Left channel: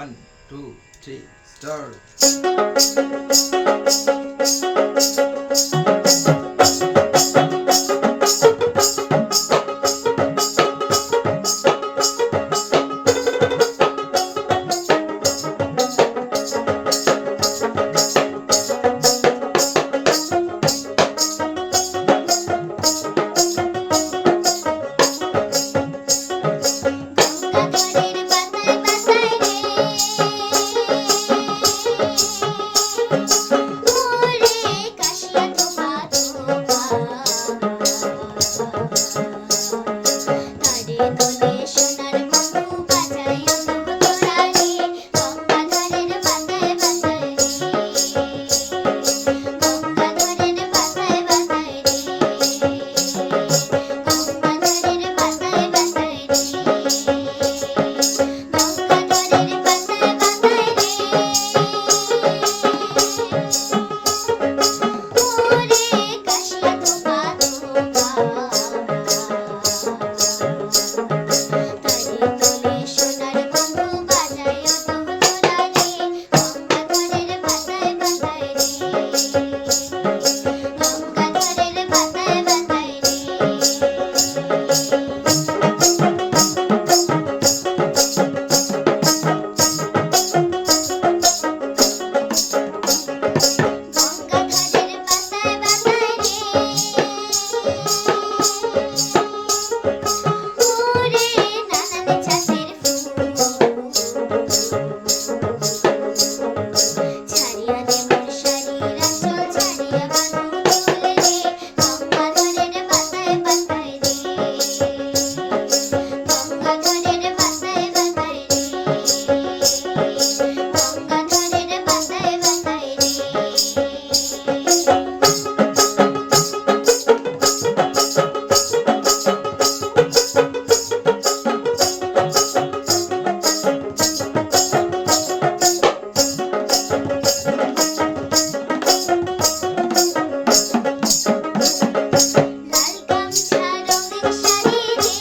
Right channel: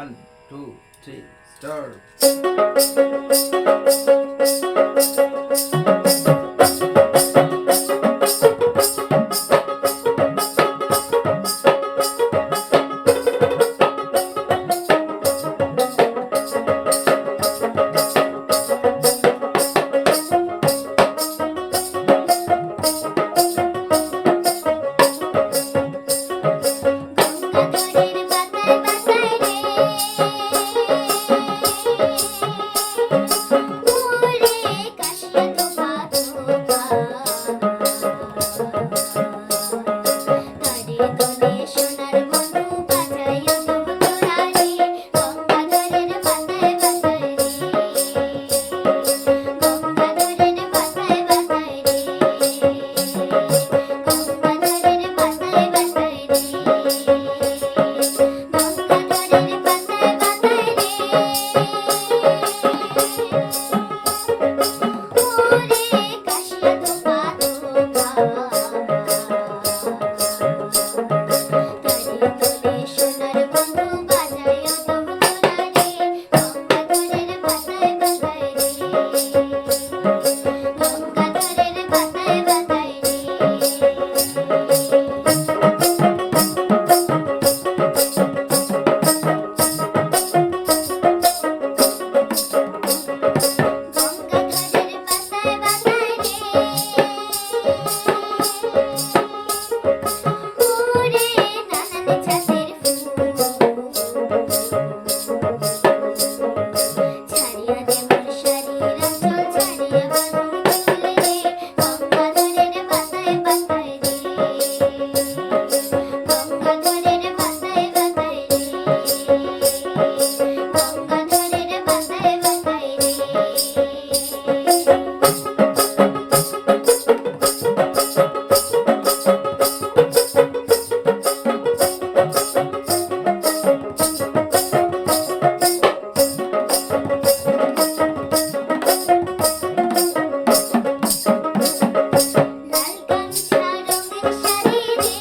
One, two, three, start. গঙ্গাধরের পাতায় পাতায় রে ওরে কাশিয়া থোপা থোপা তারে তোলে সোনার বন্ধু বাজাইও তো তোরা রে গঙ্গাধরের পাতায় পাতায় রে গঙ্গাধরের পাতায় পাতায় রে গঙ্গাধরের পাতায় পাতায় রে গঙ্গাধরের পাতায় পাতায় রে ওরে কাশিয়া থোপা থোপা তারে তোলে সোনার বন্ধু বাজাইও তো তোরা রে গঙ্গাধরের পাতায় পাতায় রে গঙ্গাধরের পাতায় পাতায় রে গঙ্গাধরের পাতায় পাতায় রে ওরে নানান ছাতের ফুল ছাড়িয়া দে মোর শাড়ির আঁচল ছাড়িয়া বাঁধো চুল রে গঙ্গাধরের পাতায় পাতায় রে গঙ্গাধরের পাতায় পাতায় রে গঙ্গাধরের পাতায় পাতায় রে লাল গামছা রঙিন শাড়ি রে